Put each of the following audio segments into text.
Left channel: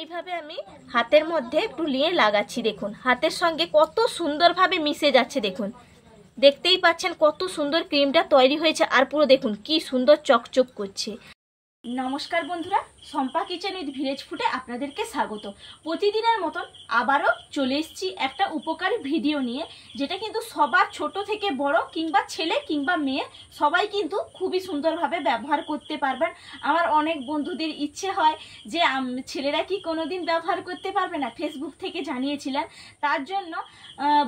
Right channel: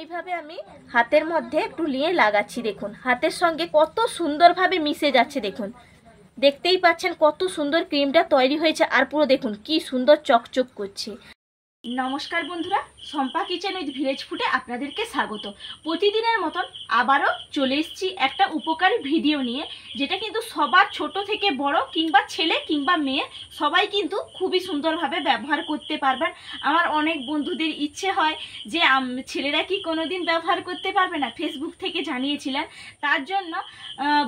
এইভাবে আমি হাতের মধ্যে একটু নিয়ে লাগাচ্ছি। দেখুন হাতের সঙ্গে কত সুন্দরভাবে মিশে যাচ্ছে। দেখুন দেখতেই পাচ্ছেন কত সুন্দর ক্রিমটা তৈরি হয়েছে, আর পুরো দেখুন কি সুন্দর চকচক করছে। নমস্কার বন্ধুরা, শম্পা কিচেন উইথ ভিলেজ ফুডে আপনাদেরকে স্বাগত। প্রতিদিনের মতন আবারও চলে এসেছি একটা উপকারী ভিডিও নিয়ে, যেটা কিন্তু সবার ছোট থেকে বড় কিংবা ছেলে কিংবা মেয়ে সবাই কিন্তু খুবই সুন্দরভাবে ব্যবহার করতে পারবেন। আমার অনেক বন্ধুদের ইচ্ছে হয় যে ছেলেরা কি কোনোদিন ব্যবহার করতে পারবে না, ফেসবুক থেকে জানিয়েছিলেন। তার জন্য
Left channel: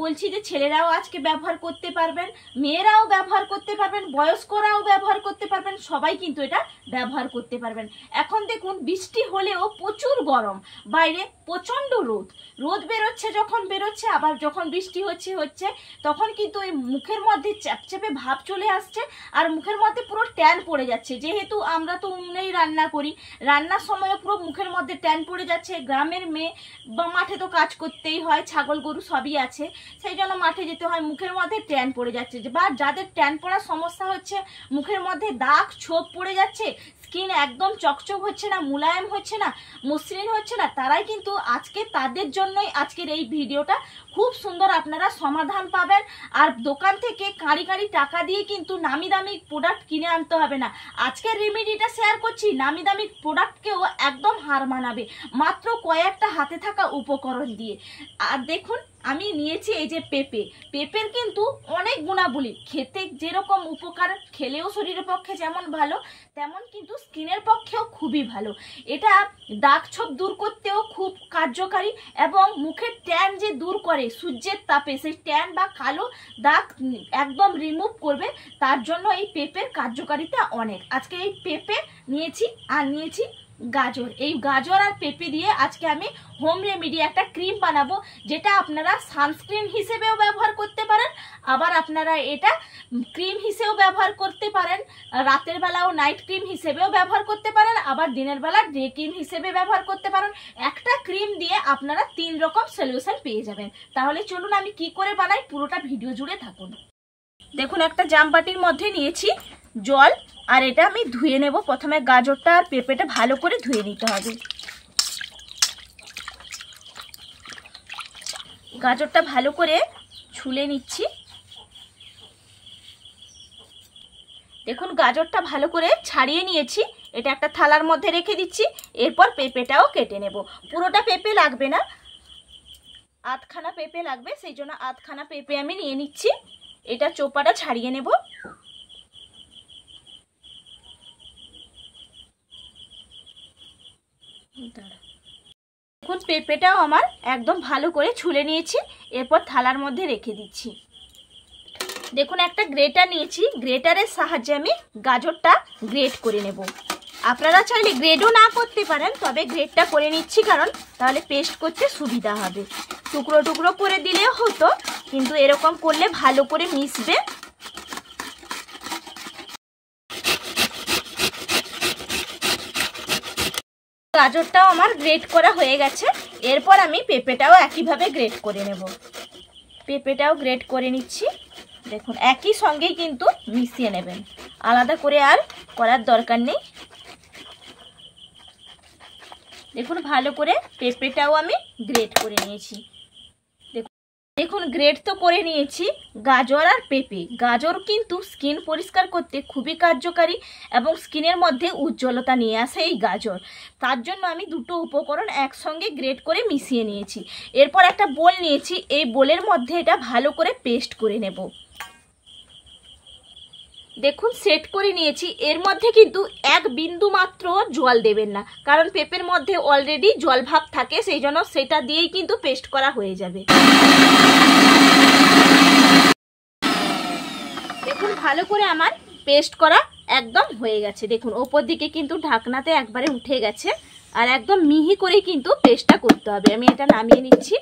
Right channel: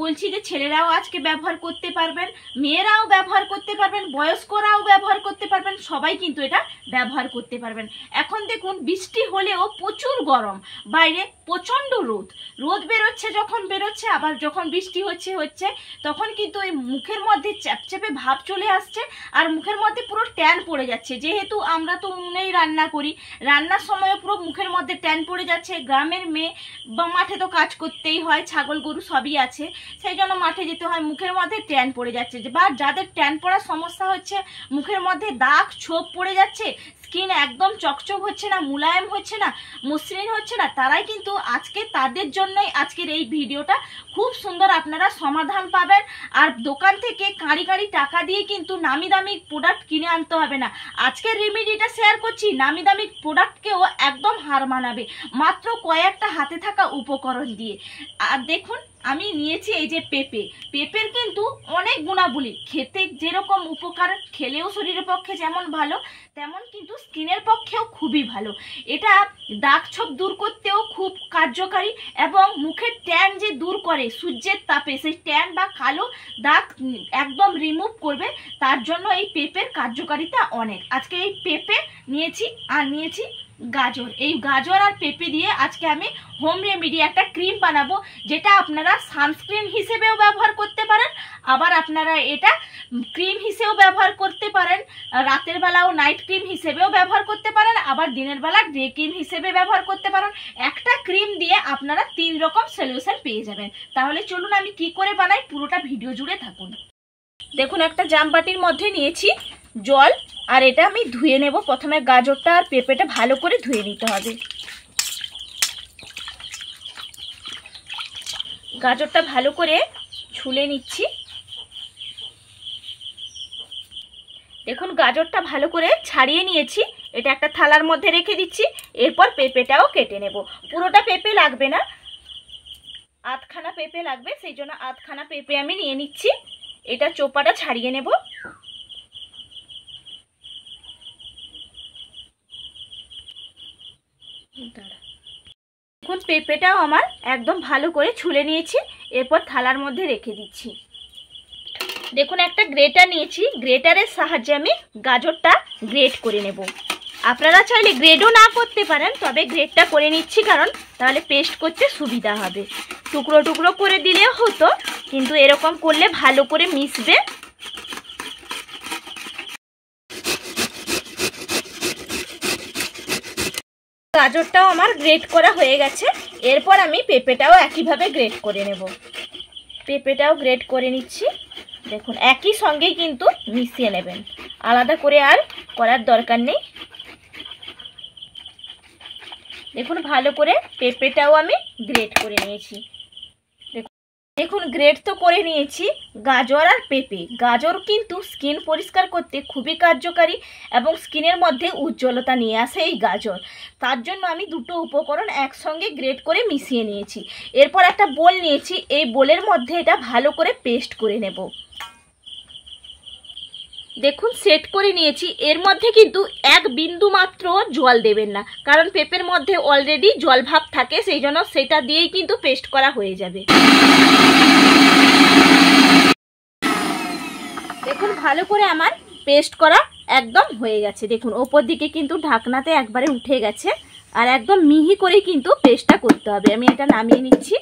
বলছি যে ছেলেরাও আজকে ব্যবহার করতে পারবেন, মেয়েরাও ব্যবহার করতে পারবেন, বয়স্করাও ব্যবহার করতে পারবেন, সবাই কিন্তু এটা ব্যবহার করতে পারবেন। এখন দেখুন বৃষ্টি হলেও প্রচুর গরম, বাইরে প্রচণ্ড রোদ বেরোচ্ছে, যখন বেরোচ্ছে আবার যখন বৃষ্টি হচ্ছে তখন কিন্তু ওই মুখের মধ্যে চ্যাপচ্যাপে ভাব চলে আসছে, আর মুখের মধ্যে পুরো ট্যান পড়ে যাচ্ছে। যেহেতু আমরা তো উনুনেই রান্না করি, রান্নার সময় পুরো মুখের মধ্যে ট্যান পড়ে যাচ্ছে। গ্রামের মেয়ে বা মাঠে তো কাজ করতেই হয়, ছাগল গরু সবই আছে, সেই জন্য মাঠে যেতে হয়, মুখের মধ্যে ট্যান পড়ে যাচ্ছে। বা যাদের ট্যান পড়ার সমস্যা হচ্ছে, মুখের মধ্যে দাগ ছোপ পড়ে যাচ্ছে, স্কিন একদম চকচক হচ্ছে না, মুলায়ম হচ্ছে না, মসৃণ হচ্ছে না, তারাই কিন্তু তাদের জন্যই আজকের এই ভিডিওটা। খুব সুন্দর আপনারা সমাধান পাবেন। আর দোকান থেকে কাঁড়ি টাকা দিয়ে কিন্তু নামি দামি প্রোডাক্ট কিনে আনতে হবে না। আজকের রেমেডিটা শেয়ার করছি, নামি দামি প্রোডাক্টকেও একদম হার মানাবে মাত্র কয়েকটা হাতে থাকা উপকরণ দিয়ে। আর দেখুন আমি নিয়েছি এই যে পেঁপের কিন্তু অনেক গুণাবলী, খেতে যেরকম উপকার, খেলেও শরীরের পক্ষে যেমন ভালো, তেমন কিন্তু স্কিনের পক্ষেও খুবই ভালো। এটা দাগ ছোপ দূর করতেও খুব কার্যকারী, এবং মুখের ট্যান যে দূর করে সূর্যের তাপে, সেই ট্যান বা কালো দাগ একদম রিমুভ করবে। তার জন্য এই পেঁপের কার্যকারিতা অনেক। আজকে এই পেঁপে নিয়েছি, আর নিয়েছি গাজর। এই গাজর আর পেঁপে দিয়ে আজকে আমি হোম রেমেডি একটা ক্রিম বানাবো, যেটা আপনারা সানস্ক্রিন হিসেবেও ব্যবহার করতে পারেন, আবার আপনারা এটা ক্রিম হিসেবেও ব্যবহার করতে পারেন, রাতের বেলাও নাইট ক্রিম হিসেবেও ব্যবহার করতে পারেন, আবার দিনের বেলা ডে ক্রিম হিসেবে ব্যবহার করতে পারেন। একটা ক্রিম দিয়ে আপনারা 3 রকম সলিউশন পেয়ে যাবেন। তাহলে চলুন আমি কি করে বানাই, পুরোটা ভিডিও জুড়ে থাকুন। দেখুন একটা জামবাটির মধ্যে নিয়েছি জল, আর এটা আমি ধুয়ে নেব। প্রথমে গাজরটা আর পেঁপেটা ভালো করে ধুয়ে নিতে হবে। গাজরটা ভালো করে ছুলে নিচ্ছি। দেখুন গাজরটা ভালো করে ছাড়িয়ে নিয়েছি, এটা একটা থালার মধ্যে রেখে দিচ্ছি। এরপর পেঁপেটাও কেটে নেব। পুরোটা পেঁপে লাগবে না, আধখানা পেঁপে লাগবে, সেই জন্য আধখানা পেঁপে আমি নিয়ে নিচ্ছি। এটা চোপাটা ছাড়িয়ে নেব। দেখুন পেঁপেটাও আমার একদম ভালো করে ছুলে নিয়েছি, এরপর থালার মধ্যে রেখে দিচ্ছি। দেখুন একটা গ্রেটার নিয়েছি, গ্রেটারের সাহায্যে আমি গাজরটা গ্রেট করে নেব। আপনারা চাইলে গ্রেডও না করতে পারেন, তবে গ্রেটটা করে নিচ্ছি কারণ তাহলে পেস্ট করতে সুবিধা হবে। টুকরো টুকরো করে দিলেও হতো, কিন্তু এরকম করলে ভালো করে মিশবে। গাজরটাও আমার গ্রেট করা হয়ে গেছে, এরপর আমি পেঁপেটাও একইভাবে গ্রেট করে নেব। পেঁপেটাও গ্রেট করে নিচ্ছি। দেখুন একই সঙ্গেই কিন্তু মিশিয়ে নেবেন, আলাদা করে আর করার দরকার নেই। দেখুন ভালো করে পেঁপেটাও আমি গ্রেট করে নিয়েছি। দেখুন গ্রেট তো করে নিয়েছি গাজর আর পেঁপে। গাজর কিন্তু স্কিন পরিষ্কার করতে খুবই কার্যকারী, এবং স্কিনের মধ্যে উজ্জ্বলতা নিয়ে আসে এই গাজর। তার জন্য আমি দুটো উপকরণ একসঙ্গে গ্রেট করে মিশিয়ে নিয়েছি। এরপর একটা বোল নিয়েছি, এই বোলের মধ্যে এটা ভালো করে পেস্ট করে নেব। দেখুন সেট করে নিয়েছি। এর মধ্যে কিন্তু এক বিন্দু মাত্র জল দেবেন না, কারণ পেঁপের মধ্যে অলরেডি জল ভাব থাকে, সেই জন্য সেটা দিয়েই কিন্তু পেস্ট করা হয়ে যাবে। দেখুন ভালো করে আমার পেস্ট করা একদম হয়ে গেছে। দেখুন ওপর দিকে কিন্তু ঢাকনাতে একবারে উঠে গেছে, আর একদম মিহি করে কিন্তু পেস্টটা করতে হবে। আমি এটা নামিয়ে নিচ্ছি।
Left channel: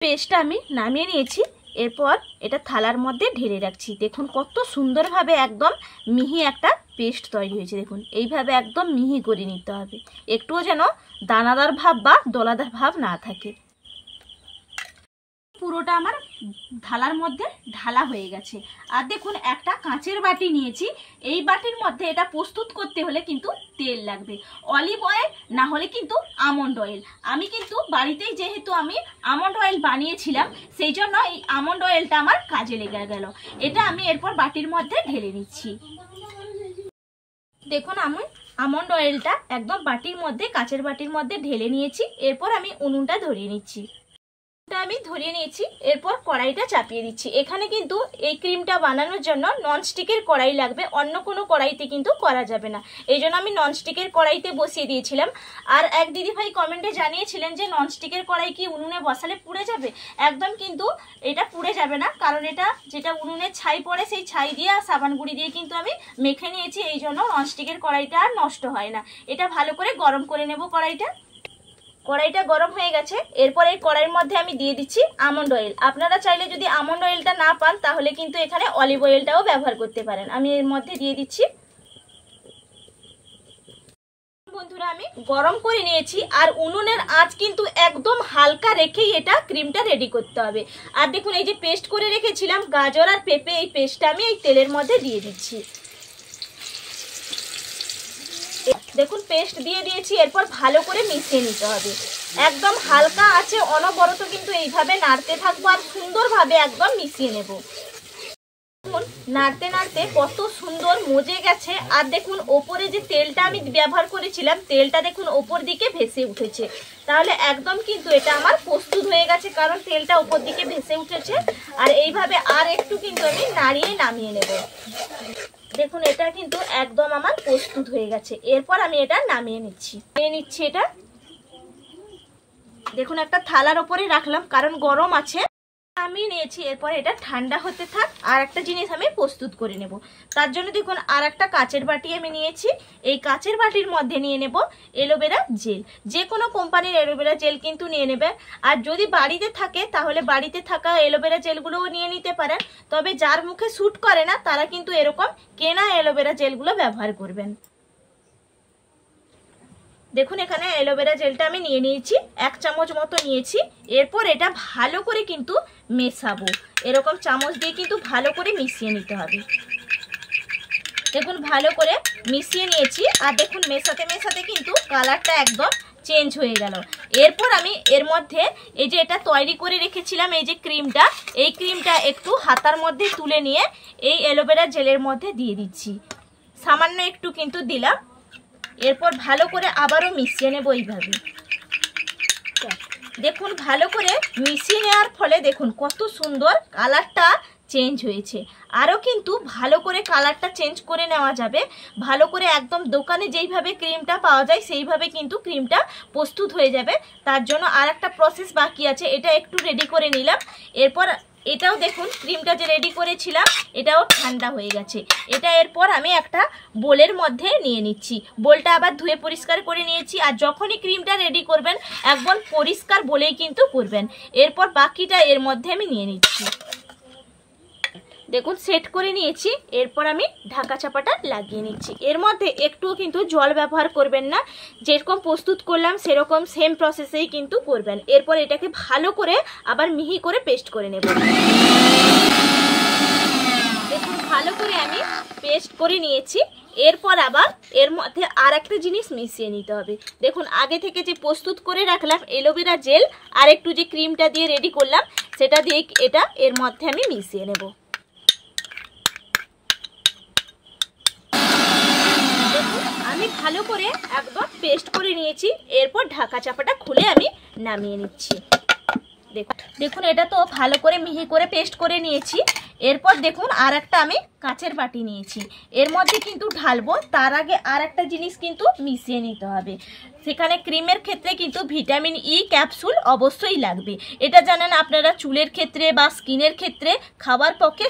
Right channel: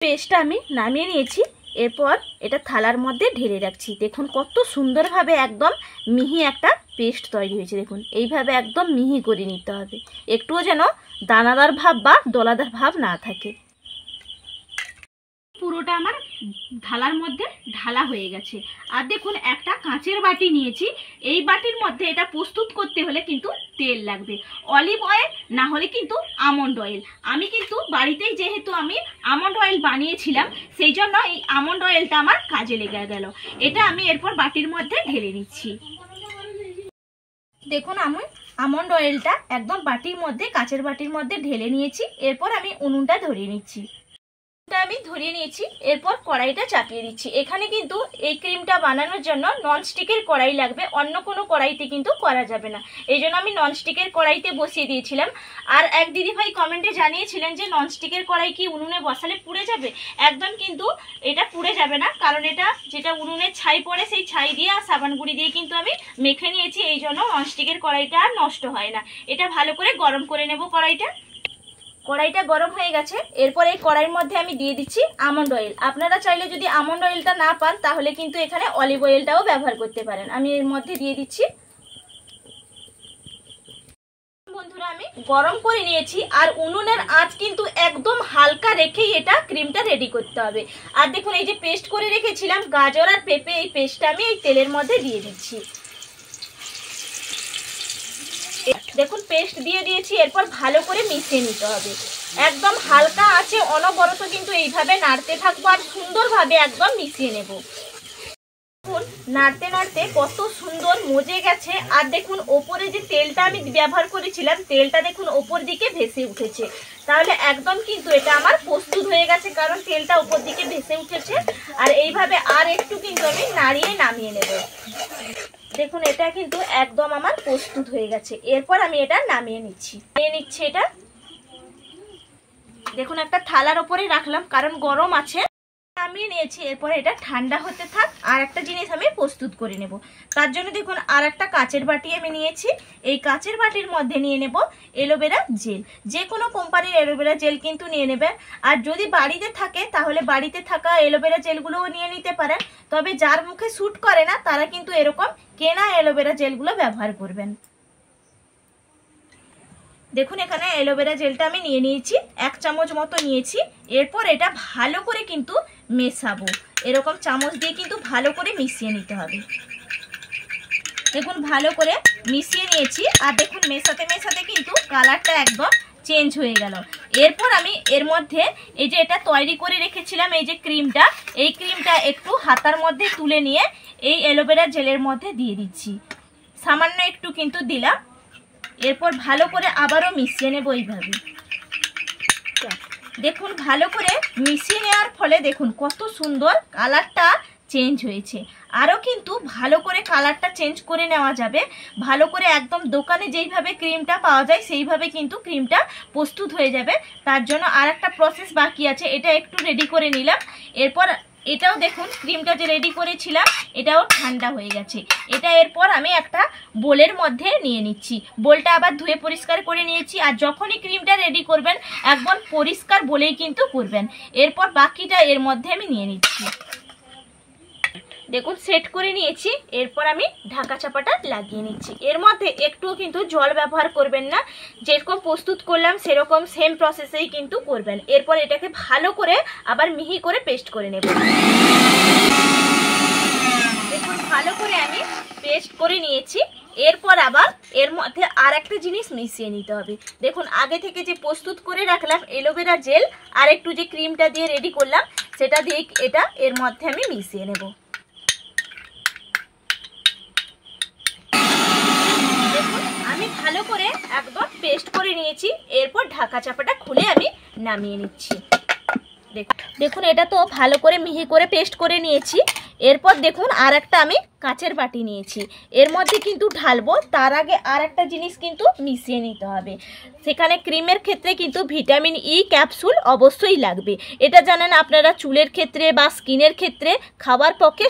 পেস্টটা আমি নামিয়ে নিয়েছি, এরপর এটা থালার মধ্যে ঢেলে রাখছি। দেখুন কত সুন্দরভাবে একদম মিহি একটা পেস্ট তৈরি হয়েছে। দেখুন এইভাবে একদম মিহি করে নিতে হবে, একটুও যেন দানাদার ভাব বা দলাদার ভাব না থাকে। পুরোটা আমার ঢালার মধ্যে ঢালা হয়ে গেছে। আর দেখুন একটা কাঁচের বাটি নিয়েছি, এই বাটির মধ্যে এটা প্রস্তুত করতে হলে কিন্তু তেল লাগবে, অলিভ অয়েল না হলে কিন্তু আমন্ড অয়েল। আমি কিন্তু বাড়িতেই যেহেতু আমি আমন্ড অয়েল বানিয়েছিলাম সেই জন্য এই আমন্ড অয়েলটা আমার কাজে লেগে গেল। এটা আমি এরপর বাটির মধ্যে ঢেলে নিচ্ছি। দেখুন আমি আমন্ড অয়েলটা একদম বাটির মধ্যে, কাঁচের বাটির মধ্যে ঢেলে নিয়েছি। এরপর আমি উনুনটা ধরিয়ে নিচ্ছি। আমি ধরিয়ে নিয়েছি, এরপর কড়াইটা চাপিয়ে দিচ্ছি। এখানে কিন্তু এই ক্রিমটা বানানোর জন্য ননস্টিকের কড়াই লাগবে, অন্য কোনো কড়াইতে কিন্তু করা যাবে না। এই জন্য আমি ননস্টিকের কড়াইতে বসিয়ে দিয়েছিলাম। আর এক দিদিভাই কমেন্টে জানিয়েছিলেন যে ননস্টিকের কড়াই কি উনুনে বসালে পুড়ে যাবে? একদম কিন্তু এটা পুড়ে যাবে না, কারণ এটা যেটা উনুনের ছাই পড়ে সেই ছাই দিয়ে আর সাবান গুঁড়ি দিয়ে কিন্তু আমি মেখে নিয়েছি, এই জন্য ননস্টিকের কড়াইটা আর নষ্ট হয় না। এটা ভালো করে গরম করে নেব। কড়াইটা গরম হয়ে গেছে। এরপর এই কড়াইয়ের মধ্যে আমি দিয়ে দিচ্ছি আমন্ড অয়েল। আপনারা চাইলে যদি আমন্ড অয়েলটা না পান তাহলে কিন্তু এখানে অলিভ অয়েলটাও ব্যবহার করতে পারেন। আমি এর মধ্যে দিয়ে দিচ্ছি। বন্ধুরা আমি গরম করে নিয়েছি, আর উনুনের আঁচ কিন্তু একদম হালকা রেখেই এটা ক্রিমটা রেডি করতে হবে। আর দেখুন এই যে পেস্ট করে রেখেছিলাম গাজর আর পেঁপে, এই পেস্টটা আমি এই তেলের মধ্যে দিয়ে দিচ্ছি। দেখুন পেস্ট দিয়ে দিয়েছি। এরপর ভালো করে মিশিয়ে নিতে হবে, একদম হালকা আছে অনবরত কিন্তু এইভাবে নাড়তে থাকবো আর সুন্দরভাবে একদম মিশিয়ে নেব। দেখুন নাড়তে নাড়তে কত সুন্দর মজে গেছে। আর দেখুন ওপরে যে তেলটা আমি ব্যবহার করেছিলাম, তেলটা দেখুন ওপর দিকে ভেসে উঠেছে। তাহলে একদম কিন্তু এটা আমার প্রস্তুত হয়ে গেছে, কারণ তেলটা উপর দিকে ভেসে উঠেছে। আর এইভাবে আর একটু কিন্তু আমি নাড়িয়ে নামিয়ে নেব। দেখুন এটা কিন্তু একদম আমার প্রস্তুত হয়ে গেছে। এরপর আমি এটা নামিয়ে নিচ্ছি। এটা দেখুন একটা থালার উপরে রাখলাম, কারণ গরম আছে। নামিয়ে নিয়েছি। এরপর এটা ঠান্ডা হতে থাক, আর একটা জিনিস আমি প্রস্তুত করে নেব। তার জন্য দেখুন আর একটা কাচের বাটি আমি নিয়েছি। এই কাচের বাটির মধ্যে নিয়ে নেব অ্যালোভেরা জেল। যে কোনো কোম্পানির অ্যালোভেরা জেল কিন্তু নিয়ে নেবেন। আর যদি বাড়িতে থাকে তাহলে বাড়িতে থাকা অ্যালোভেরা জেলগুলোও নিয়ে নিতে পারেন। তবে যার মুখে স্যুট করে না তারা কিন্তু এরকম কেনা অ্যালোভেরা জেলগুলো ব্যবহার করবেন। দেখুন এখানে অ্যালোভেরা জেলটা আমি নিয়ে নিয়েছি, 1 চামচ মতো নিয়েছি। এরপর এটা ভালো করে কিন্তু মেশাবো, এরকম চামচ দিয়ে কিন্তু ভালো করে মিশিয়ে নিতে হবে। দেখুন ভালো করে মিশিয়ে নিয়েছি। আর দেখুন মেশাতে মেশাতে কিন্তু কালারটা একদম চেঞ্জ হয়ে গেল। এরপর আমি এর মধ্যে এই যে এটা তৈরি করে রেখেছিলাম এই যে ক্রিমটা, এই ক্রিমটা একটু হাতার মধ্যে তুলে নিয়ে এই অ্যালোভেরা জেলের মধ্যে দিয়ে দিচ্ছি। সামান্য একটু কিন্তু দিলাম। এরপর ভালো করে আবারও মিশিয়ে নেব এইভাবে। দেখুন ভালো করে মিশিয়ে নেওয়ার ফলে দেখুন কত সুন্দর কালারটা চেঞ্জ হয়েছে। আরও কিন্তু ভালো করে কালারটা চেঞ্জ করে নেওয়া যাবে। ভালো করে একদম দোকানে যেইভাবে ক্রিমটা পাওয়া যায় সেইভাবে কিন্তু ক্রিমটা প্রস্তুত হয়ে যাবে। তার জন্য আর একটা প্রসেস বাকি আছে, এটা একটু রেডি করে নিলাম। এরপর এটাও দেখুন ক্রিমটা যে রেডি করেছিলাম এটাও ঠান্ডা হয়ে গেছে। এটা এরপর আমি একটা বোলের মধ্যে নিয়ে নিচ্ছি। বোলটা আবার ধুয়ে পরিষ্কার করে নিয়েছি। আর যখনই ক্রিমটা রেডি করবেন একদম পরিষ্কার বলেই কিন্তু করবেন। এরপর বাকিটা এর মধ্যে আমি নিয়ে নিচ্ছি। দেখুন সেট করে নিয়েছি। এরপর আমি ঢাকা চাপাটা লাগিয়ে নিচ্ছি। এর মধ্যে একটুও কিন্তু জল ব্যবহার করবেন না, যেরকম প্রস্তুত করলাম সেরকম সেম প্রসেসেই কিন্তু করবেন। এরপর এটাকে ভালো করে আবার মিহি করে পেস্ট করে নেব। দেখুন ভালো করে আমি পেস্ট করে নিয়েছি। এরপর আবার এর মধ্যে আর একটা জিনিস মিশিয়ে নিতে হবে। দেখুন আগে থেকে যে প্রস্তুত করে রাখলাম অ্যালোভেরা জেল আর একটু যে ক্রিমটা দিয়ে রেডি করলাম সেটা দিয়ে এটা এর মধ্যে আমি মিশিয়ে নেব। আমি ভালো করে একদম পেস্ট করে নিয়েছি। এরপর ঢাকা চাপাটা খুলে আমি নামিয়ে নিচ্ছি। দেখুন এটা তো ভালো করে মিহি করে পেস্ট করে নিয়েছি। এরপর দেখুন আর একটা আমি কাচের বাটি নিয়েছি, এর মধ্যে কিন্তু ঢালবো। তার আগে আর একটা জিনিস কিন্তু মিশিয়ে নিতে হবে। সেখানে ক্রিমের ক্ষেত্রে কিন্তু ভিটামিন ই ক্যাপসুল অবশ্যই লাগবে। এটা জানেন আপনারা চুলের ক্ষেত্রে বা স্কিনের ক্ষেত্রে খাবার পক্ষে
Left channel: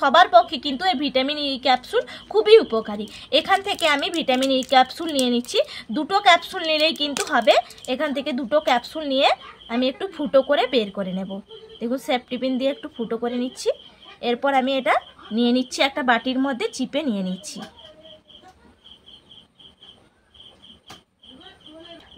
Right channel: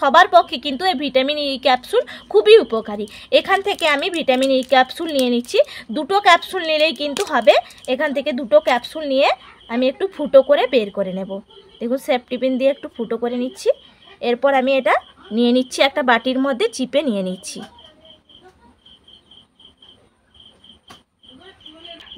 সবার পক্ষে কিন্তু এই ভিটামিন ই ক্যাপসুল খুবই উপকারী। এখান থেকে আমি ভিটামিন ই ক্যাপসুল নিয়ে নিচ্ছি। 2টো ক্যাপসুল নিলেই কিন্তু হবে। এখান থেকে 2টো ক্যাপসুল নিয়ে আমি একটু ফুটো করে বের করে নেব। দেখুন সেফটি পিন দিয়ে একটু ফুটো করে নিচ্ছি। এরপর আমি এটা নিয়ে নিচ্ছি একটা বাটির মধ্যে, চিপে নিয়ে নিচ্ছি।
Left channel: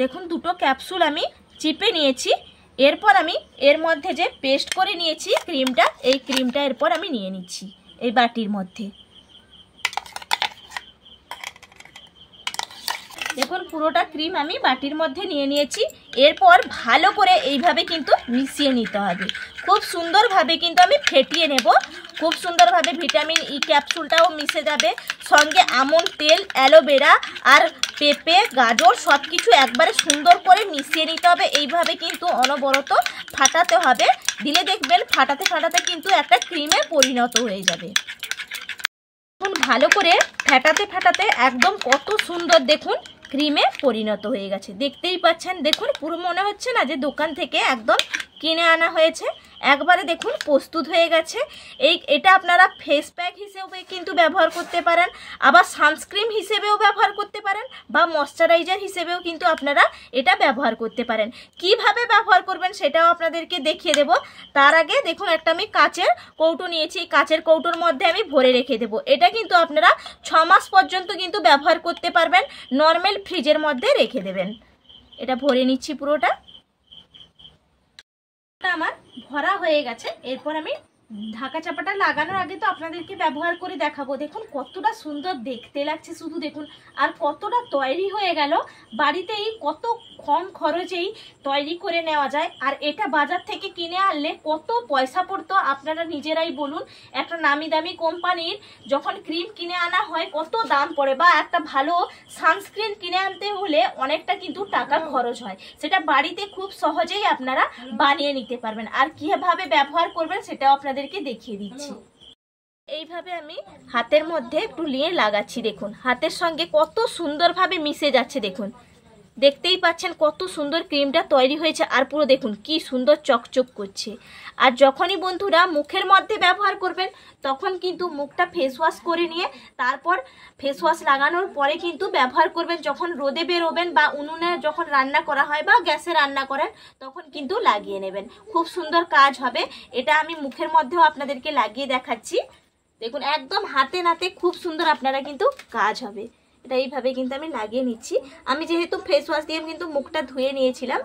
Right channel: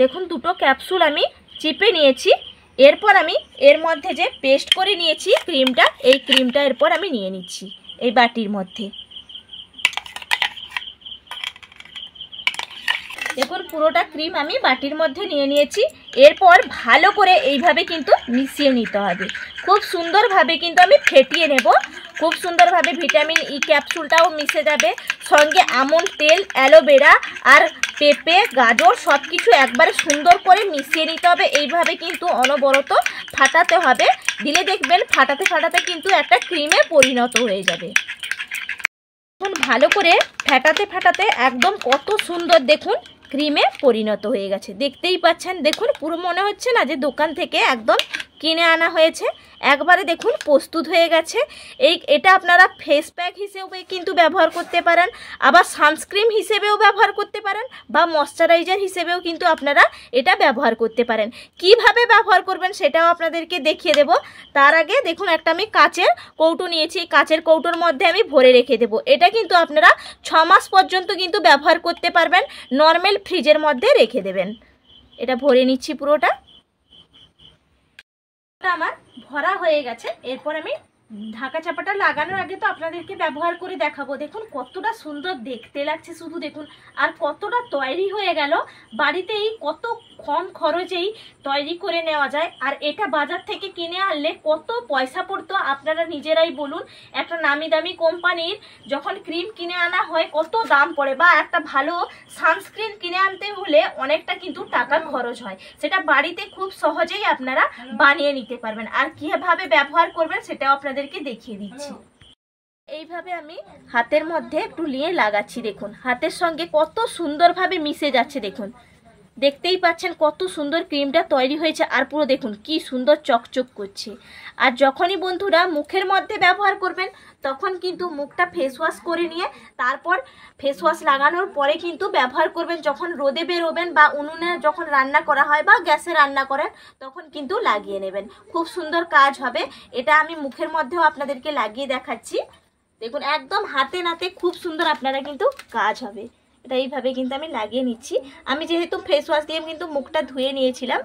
দেখুন 2টো ক্যাপসুল আমি চিপে নিয়েছি। এরপর আমি এর মধ্যে যে পেস্ট করে নিয়েছি ক্রিমটা, এই ক্রিমটা এরপর আমি নিয়ে নিচ্ছি এই বাটির মধ্যে। দেখুন পুরোটা ক্রিম আমি বাটির মধ্যে নিয়ে নিয়েছি। এরপর ভালো করে এইভাবে কিন্তু মিশিয়ে নিতে হবে। খুব সুন্দরভাবে কিন্তু আমি ফেটিয়ে নেব। খুব সুন্দরভাবে ভিটামিন ই ক্যাপসুলটাও মিশে যাবে, সঙ্গে আমন্ড তেল, অ্যালোভেরা আর পেঁপে, গাজর সব কিছু একবারে সুন্দর করে মিশিয়ে নিতে হবে। এইভাবে কিন্তু অনবরত ফাটাতে হবে, দিলে দেখবেন ফাটাতে ফাটাতে কিন্তু একটা ক্রিমে পরিণত হয়ে যাবে। এখন ভালো করে ফাটাতে ফাটাতে একদম কত সুন্দর দেখুন ক্রিমে পরিণত হয়ে গেছে, দেখতেই পাচ্ছেন। দেখুন পুরো মনে হচ্ছে না যে দোকান থেকে একদম কিনে আনা হয়েছে, একবারে দেখুন প্রস্তুত হয়ে গেছে। এটা আপনারা ফেস প্যাক হিসেবে কিন্তু ব্যবহার করতে পারেন, আবার সানস্ক্রিন হিসেবেও ব্যবহার করতে পারেন, বা ময়শ্চারাইজার হিসেবেও কিন্তু আপনারা এটা ব্যবহার করতে পারেন। কিভাবে ব্যবহার করবেন সেটাও আপনাদেরকে দেখিয়ে দেব। তার আগে দেখুন একটা আমি কাচের কৌটো নিয়েছি, কাচের কৌটোর মধ্যে আমি ভরে রেখে দেব। এটা কিন্তু আপনারা 6 মাস পর্যন্ত কিন্তু ব্যবহার করতে পারবেন, নর্মাল ফ্রিজের মধ্যে রেখে দেবেন। এটা ভরে নিচ্ছি পুরোটা। আমার ভরা হয়ে গেছে। এরপর আমি ঢাকা চাপাটা লাগানোর আগে তো আপনাদেরকে ব্যবহার করে দেখাবো। দেখুন কতটা সুন্দর দেখতে লাগছে, শুধু দেখুন, আর কতটা তৈরি হয়ে গেল। বাড়িতেই কত কম খরচেই তৈরি করে নেওয়া যায়। আর এটা বাজার থেকে কিনে আনলে কত পয়সা পড়তো আপনারা নিজেরাই বলুন। একটা নামি দামি কোম্পানির যখন ক্রিম কিনে আনা হয় কত দাম পড়ে, বা একটা ভালো সানস্ক্রিন কিনে আনতে হলে অনেকটা কিন্তু টাকা খরচ হয়। সেটা বাড়িতে খুব সহজেই আপনারা বানিয়ে নিতে পারবেন। আর কিভাবে ব্যবহার করবেন সেটাও আপনাদেরকে দেখিয়ে দিচ্ছি। এইভাবে আমি হাতের মধ্যে একটু নিয়ে লাগাচ্ছি, দেখুন হাতের সঙ্গে কত সুন্দরভাবে মিশে যাচ্ছে। দেখুন দেখতেই পাচ্ছেন কত সুন্দর ক্রিমটা তৈরি হয়েছে, আর পুরো দেখুন কি সুন্দর চকচক করছে। আর যখনই বন্ধুরা মুখের মধ্যে ব্যবহার করবেন তখন কিন্তু মুখটা ফেস ওয়াশ করে নিয়ে তারপর ফেস ওয়াশ লাগানোর পরে কিন্তু ব্যবহার করবেন। যখন রোদে বেরোবেন বা উনুনে যখন রান্না করা হয় বা গ্যাসে রান্না করেন তখন কিন্তু লাগিয়ে নেবেন, খুব সুন্দর কাজ হবে। এটা আমি মুখের মধ্যেও আপনাদেরকে লাগিয়ে দেখাচ্ছি। দেখুন একদম হাতে নাতে খুব সুন্দর আপনারা কিন্তু কাজ হবে। এটা এইভাবে কিন্তু আমি লাগিয়ে নিচ্ছি। আমি যেহেতু ফেস ওয়াশ দিয়ে কিন্তু মুখটা ধুয়ে নিয়েছিলাম,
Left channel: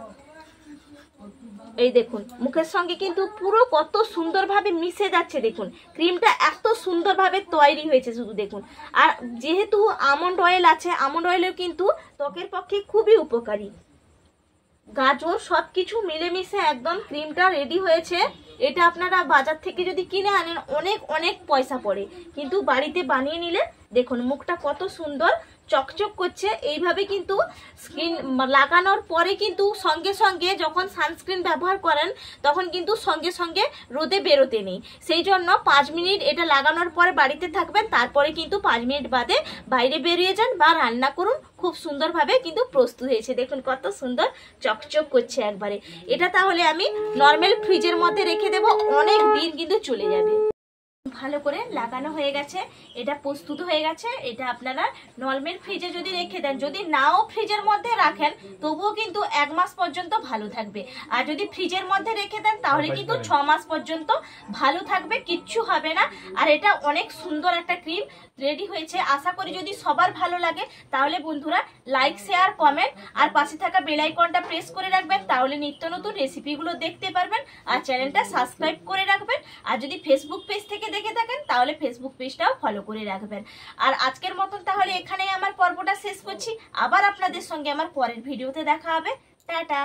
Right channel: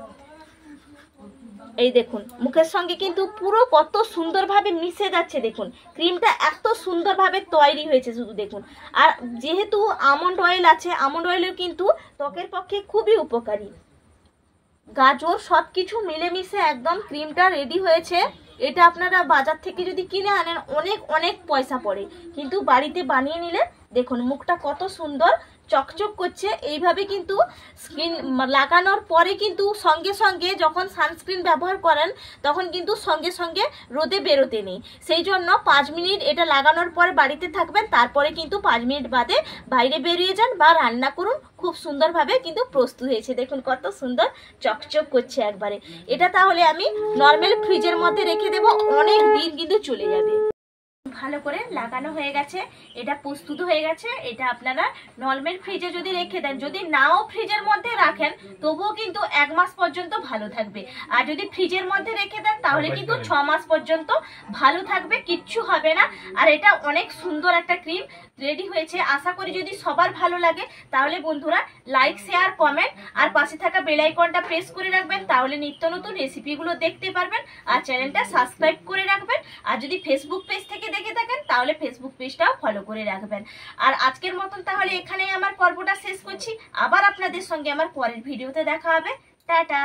এই দেখুন মুখের সঙ্গে কিন্তু পুরো কত সুন্দরভাবে মিশে যাচ্ছে। দেখুন ক্রিমটা এত সুন্দরভাবে তৈরি হয়েছে, শুধু দেখুন। আর যেহেতু আমন্ড অয়েল আছে, আমন্ড অয়েলও কিন্তু ত্বকের পক্ষে খুবই উপকারী। গাজর সব কিছু মিলেমিশে একদম ক্রিমটা রেডি হয়েছে। এটা আপনারা বাজার থেকে যদি কিনে আনেন অনেক অনেক পয়সা পড়ে, কিন্তু বাড়িতে বানিয়ে নিলে দেখুন মুখটা কত সুন্দর চকচক করছে। এইভাবে কিন্তু স্কিন লাগানোর পরে কিন্তু সঙ্গে সঙ্গে যখন সানস্ক্রিন ব্যবহার করেন তখন কিন্তু সঙ্গে সঙ্গে রোদে বেরোতে নেই। সেই জন্য 5 মিনিট এটা লাগানোর পরে বাড়িতে থাকবেন, তারপরে কিন্তু 5 মিনিট বাদে বাইরে বেরিয়ে যান বা রান্না করুন। খুব সুন্দরভাবে কিন্তু প্রস্তুত হয়েছে, দেখুন কত সুন্দর চকচক করছে একবারে। এটা তাহলে আমি নর্মাল ফ্রিজের মধ্যে রেখে দেব, অনেক দিন কিন্তু চলে যাবে। ভালো করে লাগানো হয়ে গেছে, এটা প্রস্তুত হয়ে গেছে। এটা আপনারা নর্মাল ফ্রিজে যদি রেখে দেন, যদি নাও ফ্রিজের মধ্যে রাখেন তবুও কিন্তু 1 মাস পর্যন্ত ভালো থাকবে। আর যদি ফ্রিজের মধ্যে রেখে দেন তাহলে কিন্তু 6 মাস পর্যন্ত ভালো থাকবে, কিচ্ছু হবে না। আর এটা অনেক সুন্দর একটা ক্রিম রেডি হয়েছে। আশা করি যদি সবার ভালো লাগে তাহলে বন্ধুরা লাইক, শেয়ার, কমেন্ট আর পাশে থাকা বেল আইকনটা প্রেস করে রাখবেন, তাহলে নিত্য নতুন রেসিপিগুলো দেখতে পারবেন। আর চ্যানেলটা সাবস্ক্রাইব করে রাখবেন। আর যদি ফেসবুক পেজ থেকে দেখে থাকেন তাহলে ফেসবুক পেজটাও ফলো করে রাখবেন। আর আজকের মতন তাহলে এখানেই আমার পর্বটা শেষ করছি। আবার আপনাদের সঙ্গে আমার পরের ভিডিওতে দেখা হবে। টাটা।